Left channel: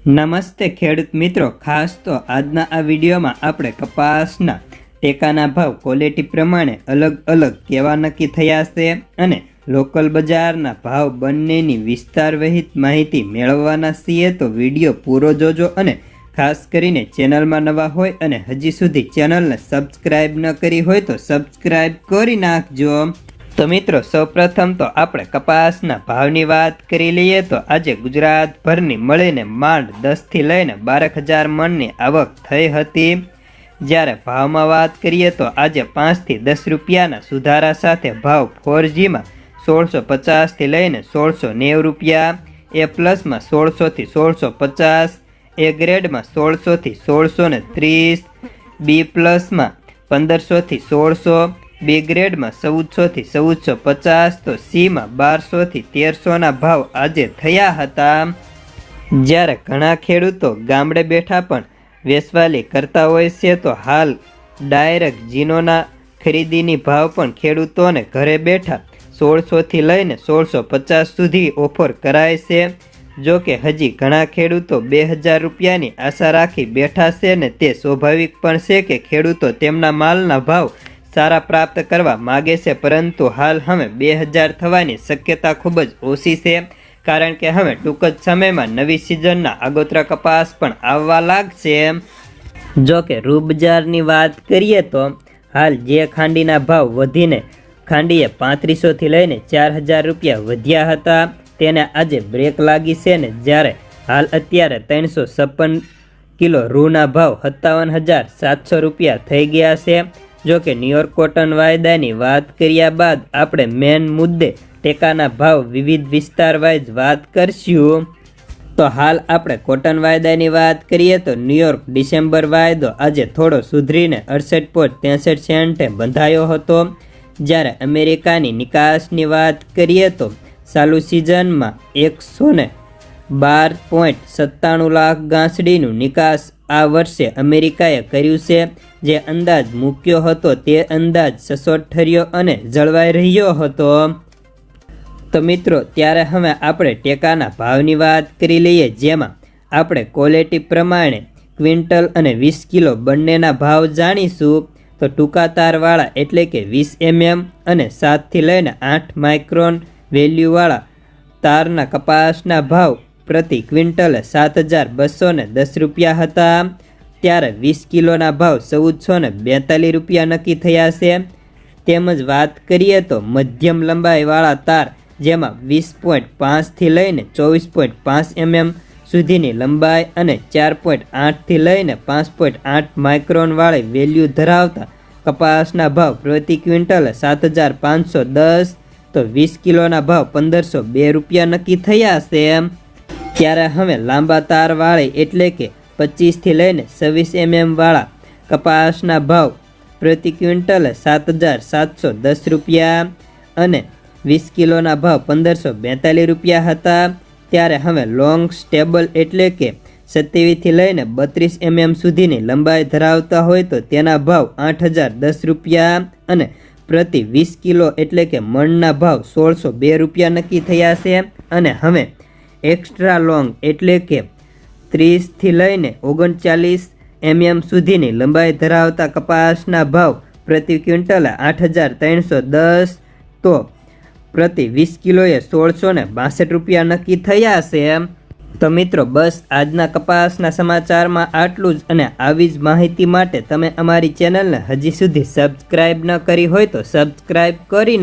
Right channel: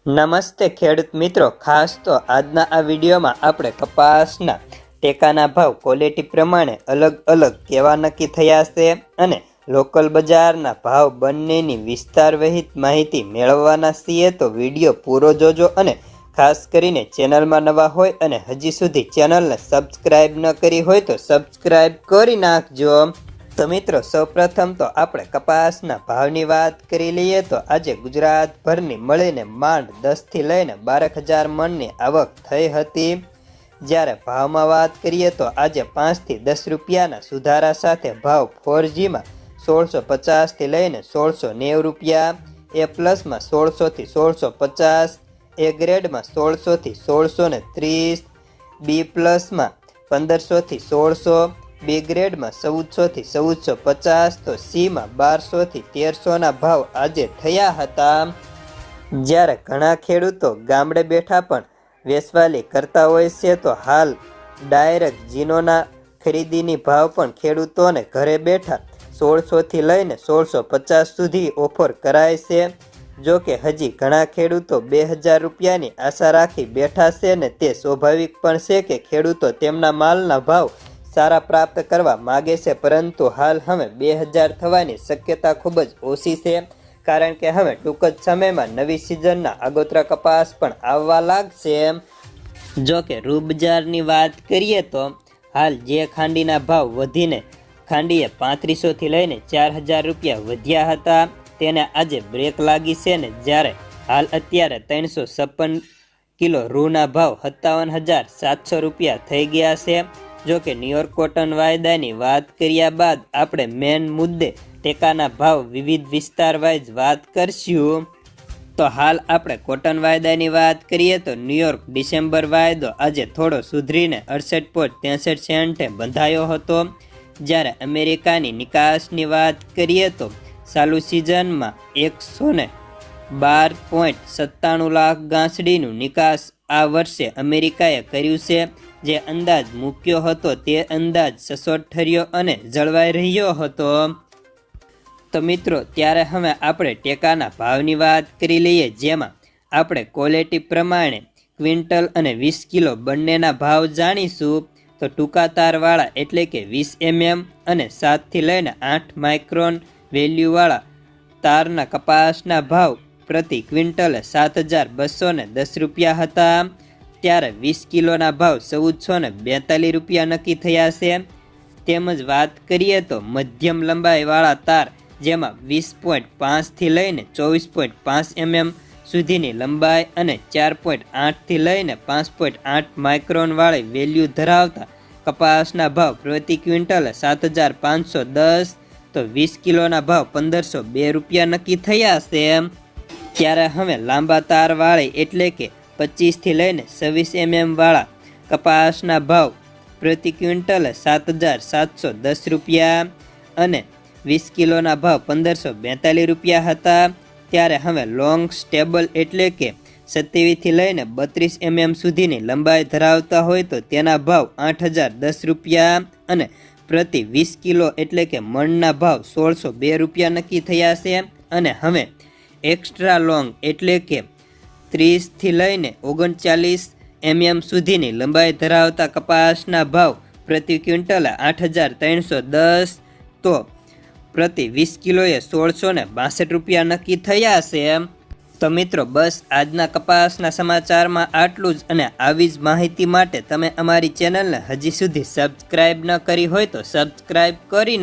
નમસ્તે ખેડૂત મિત્રો, ખાસ તો આજના આ વિડીયોમાં આપણે કપાસના ટેકાના ભાવ ક્વોલિટી પ્રમાણે અલગ અલગ કેવા નક્કી થયા છે અને લોકલ બજારના ભાવ બંનેની વિસ્તાર વહિત માહિતી મેળવવાના છીએ તો વીડિયો પૂરો જોજો અને ખાસ કરીને ચેનલમાં નવા હોય અને હજી સુધી ચેનલને સબસ્ક્રાઈબ ન કરી હોય તો સબસ્ક્રાઈબ કરી નાખજો. તો મિત્રો, સૌપ્રથમ તો આપણે કપાસના ભાવની વાત કરી લઈએ તો આજે ગુજરાતભરની મળીને માંડ દસથી લઈને બારક હજાર મણની આવક થઈ હતી. જ્યારે ભાવમાં વાત કરીએ તો આજે પાંચથી દસ રૂપિયાના સુધારા સાથે ભાવ ફોરજીમાં સોળસો પચાસથી લઈને સોળસો નેવું રૂપિયા, એ પ્લસમાં સોળસોથી સોળસો પચાસ, એ ગ્રેડમાં સોળસોથી સોળસો ને ત્રીસ, બી પ્લસમાં પંદરસોથી સોળસો બી ગ્રેડમાં ચૌદસોથી ચૌદસો પચાસ તો સીમાં બારસોથી તેરસોના ભાવ આજે થયા હતા. જ્યારે ઘણા ખેડૂતો ગામડે બેઠા પણ વેસવાલી કરતા હોય છે, તો હાલ ડાયરેક્ટ જીનોના ખરીદીની ભાવ પણ ખેડૂતોને ઘરે બેઠા સોળસોથી લઈને સોળસો પચાસ સુધી ઓફર કરાય છે. જો કે હજી ઘણા ખેડૂતો બે હજાર રૂપિયાની આશા રાખી બેઠા છે ને તે સ્વાભાવિક પણ છે કે ખેડૂતો તેમના માલના ભાવ સારા પ્રાપ્ત કરવા માગે છે, પરંતુ હાલ હવે બે હજાર થવાની શક્યતા ખૂબ જ ઓછી છે, કારણ કે હવે ટૂંક જ સમયમાં નવી સિઝનના આગોતરા કપાસ પણ આવવા લાગશે. જો કે રૂબજારની વાત કરીએ તો હાલ જે ખાંડીના ભાવ વધીને ખાંડીએ પાંત્રીસોથી લઈને ચાર હજાર રૂપિયા વધ્યા હતા, તેને આજે બ્રેક લાગી છે ને જ્યારે હાલ અત્યારે ત્રણસો છપ્પન કિલો રૂના ભાવ સત્તાવન હજાર સાતસો રૂપિયા થઈ ગયા છે. જો કે ન્યુયોર્ક કોટન વાયદાની વાત કર્યા બાદ આપણે મેન મુદ્દે ટેકાના ભાવ વિવિધ વિસ્તાર વાઇઝ વાત કરશું. તો હાલ આપણે કોટન વાયદાની વાત કરીએ તો ન્યુયોર્ક ડિસેમ્બર વાયદો આજે થોડો સુધરીને અડસઠ પોઈન્ટ ત્રેસઠ સેન્ટે બંધાયો હતો. જ્યારે અમેરિકાની નિકાસની વાત કરીએ તો ચાલુ સિઝનમાં એકસો ને બાર પોઈન્ટ સત્તાણું લાખ ગાંસડીનું નિકાસ આ વર્ષે અમેરિકાએ કર્યું છે. જે અંદાજ મૂક્યો હતો તે અંદાજ સચોટ ઠર્યો અને જળવાઈ રહ્યો હતો. તો મિત્રો, ત્યારે હવે આપણે ટેકાના ભાવની વાત કરી લઈએ, જેમાં આપણે ક્વોલિટી પ્રમાણે ક્વિન્ટલ અને વીસ કિલો બંનેના ભાવ જાણીશું. તો ટૂંકા તારવાળા એટલે કે વીસ એમએમ અને સાતથી લઈને આઠ માઇક્રોન વેલ્યુવાળા તારના કપાસના ભાવ પ્રતિ ક્વિન્ટલ સાત હજાર બસો દસ રૂપિયા હતા. ત્યારે વીસ કિલોના ભાવ ચૌદસો ને બેતાલીસ રૂપિયા નક્કી થયા છે. તેમજ વાત કરીએ તો મધ્યમ લંબાઈવાળા તાર, જેમાં વીસ પોઈન્ટ પાંચથી લઈને ચોવીસ પોઈન્ટ પાંચ એમએમ સુધીની લંબાઈ અને ચાર પોઈન્ટ આઠથી લઈને પાંચ પોઈન્ટ આઠ માઇક્રોનવાળી વેલ્યુ ધરાવતા કપાસના ભાવ પ્રતિ ક્વિન્ટલ સાત હજાર પાંચસો દસ, તો વીસ કિલોના ભાવ પંદરસો બે રૂપિયા નક્કી થયા છે. ત્યારે હવે લાંબા તારવાળી એટલે કે પચીસથી લઈને છવ્વીસ એમએમ વાળા કપાસના ભાવ પ્રતિ ક્વિન્ટલે સાત હજાર સાતસો દસ રૂપિયા અને વીસ કિલોના ભાવ પંદરસો બેતાલીસ રૂપિયા હતા. ત્યારે હવે લોંગ સ્ટેબલ એટલે કે સત્યાવીસથી લઈને બત્રીસ એમએમ સુધીની લંબાઈ ધરાવતા હોય તો તેના ભાવ આઠ હજાર દસ રૂપિયા અને પ્રતિ વીસ કિલો એટલે કે મણના ભાવ સોળસો બે રૂપિયા નક્કી થયા છે. અને હવે એક્સ્ટ્રા લોંગ એટલે કે ત્રીસથી લઈને ઓગણચાલીસ એમએમ સુધીની લંબાઈ ધરાવતા કપાસના ભાવ પ્રતિ ક્વિન્ટલે આઠ હજાર ત્રણસો દસ. તો પ્રતિ વીસ કિલોએ સોળસો ને બાસઠ રૂપિયા નક્કી થયા છે તો મિત્રો, બસ આજના કપાસના સમાચારમાં આટલું જ અને આવી જ માહિતી માટે તમે અમારી ચેનલને હજી સુધી સબસ્ક્રાઈબ ન કરી હોય તો સબસ્ક્રાઈબ કરી